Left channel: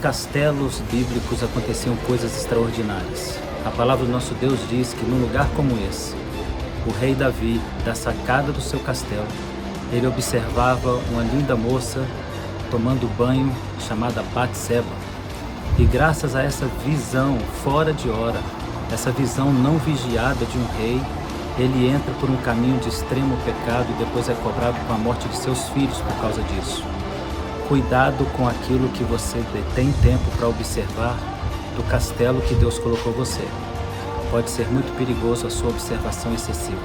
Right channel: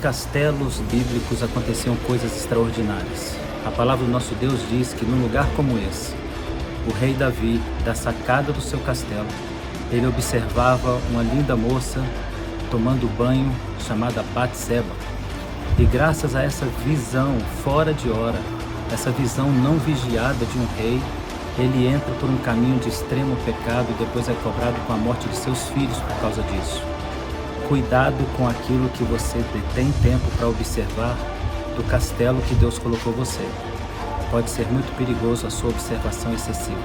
castelos bíblicos aconteciam coisas extraordinárias. A palavra do nosso Deus diz que num lugar como esse, o rei Davi, da sacada do seu castelo, ele observava uma linda moça tomando banho chamada Batseba. E graças a essa visão fora de hora, essa visão não vigiada de um rei, ele entra por um caminho de extremo pecado e depois é cobrado com a morte de seus filhos por causa disso. Cuidado com aquilo que você tem tempo para observar do castelo que Deus colocou você. Pode ser muito perigoso a sua observação excessiva.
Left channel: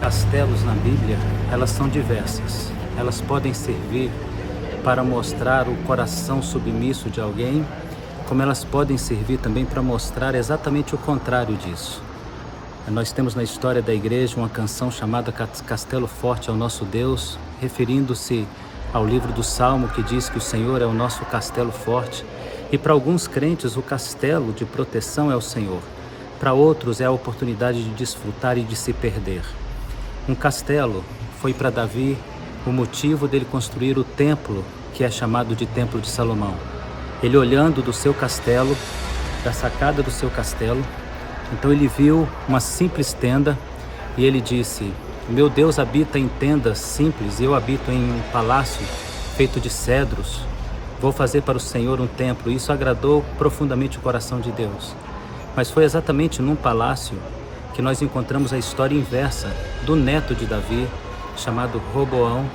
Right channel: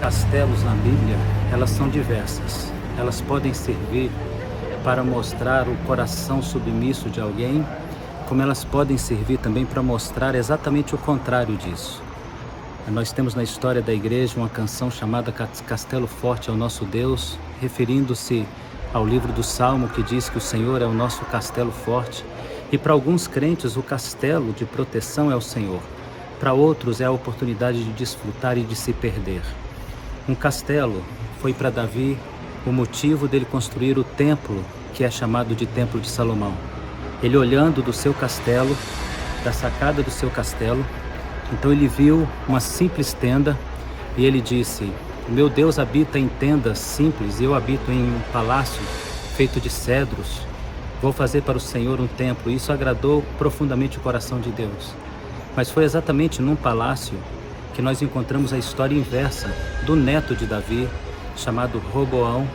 Castelos na Bíblia, elas são diversas. Elas podem servir para mostrar o coração submisso de alguém, como elas podem servir também para mostrar exatamente o contrário disso. Nós temos na história da igreja uma canção chamada Castelo Forte é o Nosso Deus, referindo-se ao livro do Salmo que diz que o Senhor é o nosso castelo forte. E para alguns crentes o castelo de proteção é o Senhor. Para outros é a oportunidade de desfrutar e de se perder. Um castelo foi para Davi o motivo dele construir o templo, que é chamado de Templo de Salomão. Ele olhando do seu castelo, da sacada do seu castelo, então ele viu uma simples tenda e ele disse: meu Deus habita em tendas simples, eu habito em um palácio feito de cedros. Vou fazer para o Senhor um templo. Isso agradou profundamente o coração de Deus. Mas foi exatamente num palácio que nós encontramos a história inversa do neto de Davi, chamado Roboão,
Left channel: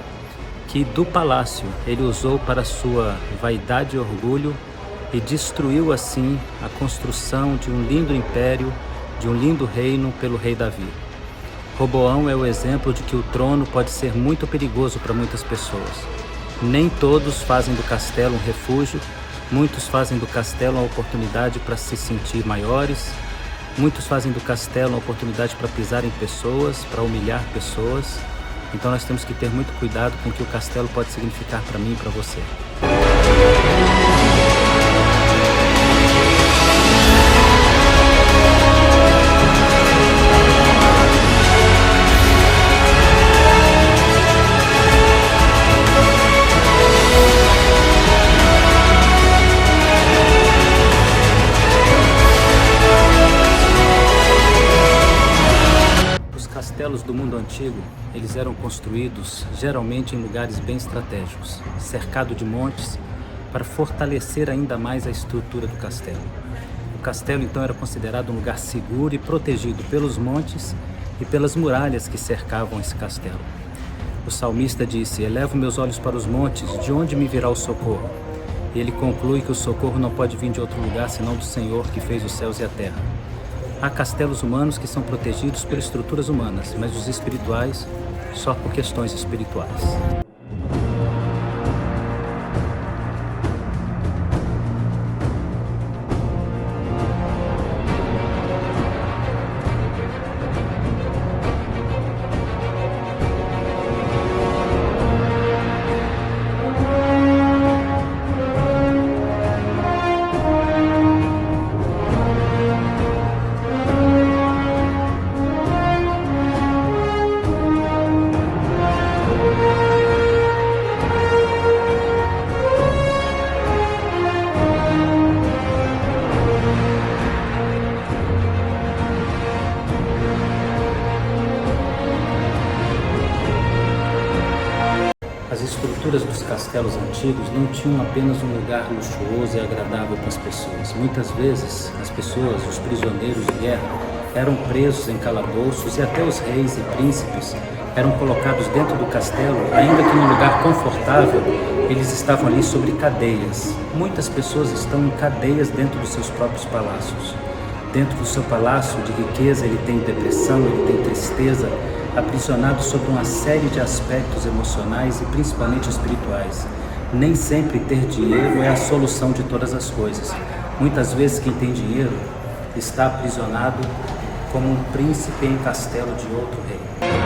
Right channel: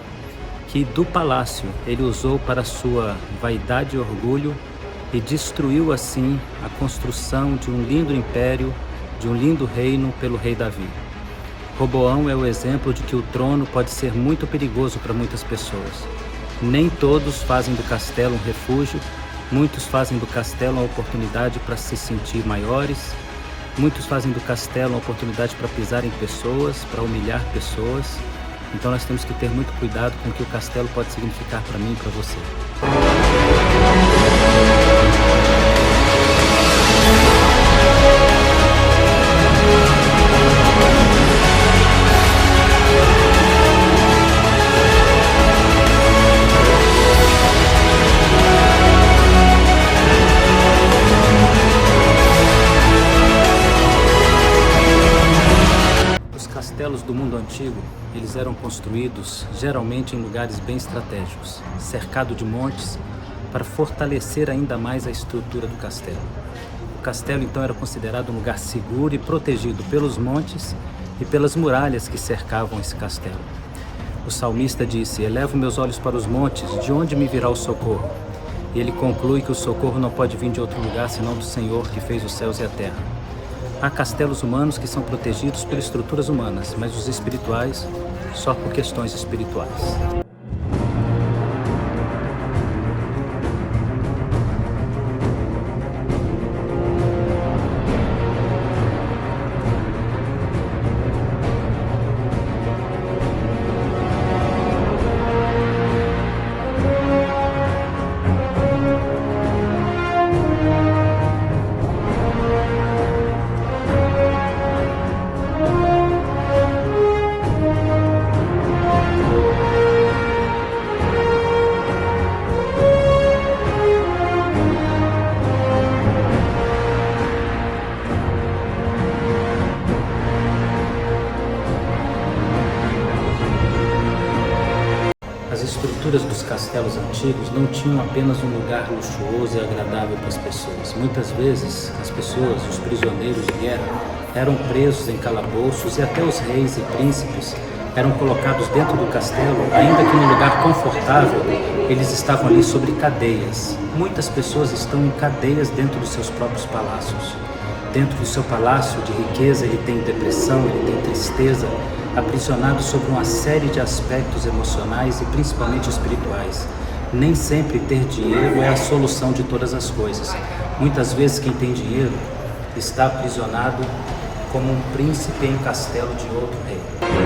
que do palácio ele usou para sua vaidade e orgulho e destruiu assim a construção de um lindo império, de um lindo reino pelo rei Davi. Roboão é o exemplo de que o trono pode ser muito perigoso para muitas pessoas. Nem todos fazem do castelo um refúgio, muitos fazem do castelo uma oportunidade para se sentir maiores, muitos fazem do castelo uma oportunidade para pisar em pessoas, para humilhar pessoas. Então nós temos que ter muito cuidado com o que o castelo pode significar para mim e para você. Os castelos do mundo antigo, eles eram construídos geralmente em lugares bem estratégicos, cercado de montes, para fortalecer ainda mais a estrutura do castelo. O castelo então era considerado um lugar seguro e protegido pelos montes e pelas muralhas que cercavam esse castelo. O salmista disse: elevo meus olhos para os montes, de onde me virá o socorro? E ele conclui que o socorro não pode vir de outro lugar senão do Senhor que fez os céus e a terra. Há castelos humanos que são protegidos por estruturas humanas, mas os espirituais só por questões espirituais. As estruturas dos castelos antigos não tinham apenas um lugar luxuoso e agradável para as pessoas. Muitas vezes, as pessoas, os prisioneiros de guerra, eram presos em calabouços e até os reis e príncipes eram colocados dentro do castelo, ainda que num lugar confortável, eles estavam ali sobre cadeias. Muitas pessoas estão em cadeias dentro dos seus próprios palácios. Dentro do seu palácio de riqueza, ele tem depressão, ele tem tristeza, aprisionado sobre uma série de aspectos emocionais e principalmente espirituais. Nem sempre ter dinheiro é a solução de todas as coisas. Muitas vezes quem tem dinheiro está aprisionado como um príncipe em castelo de outro rei.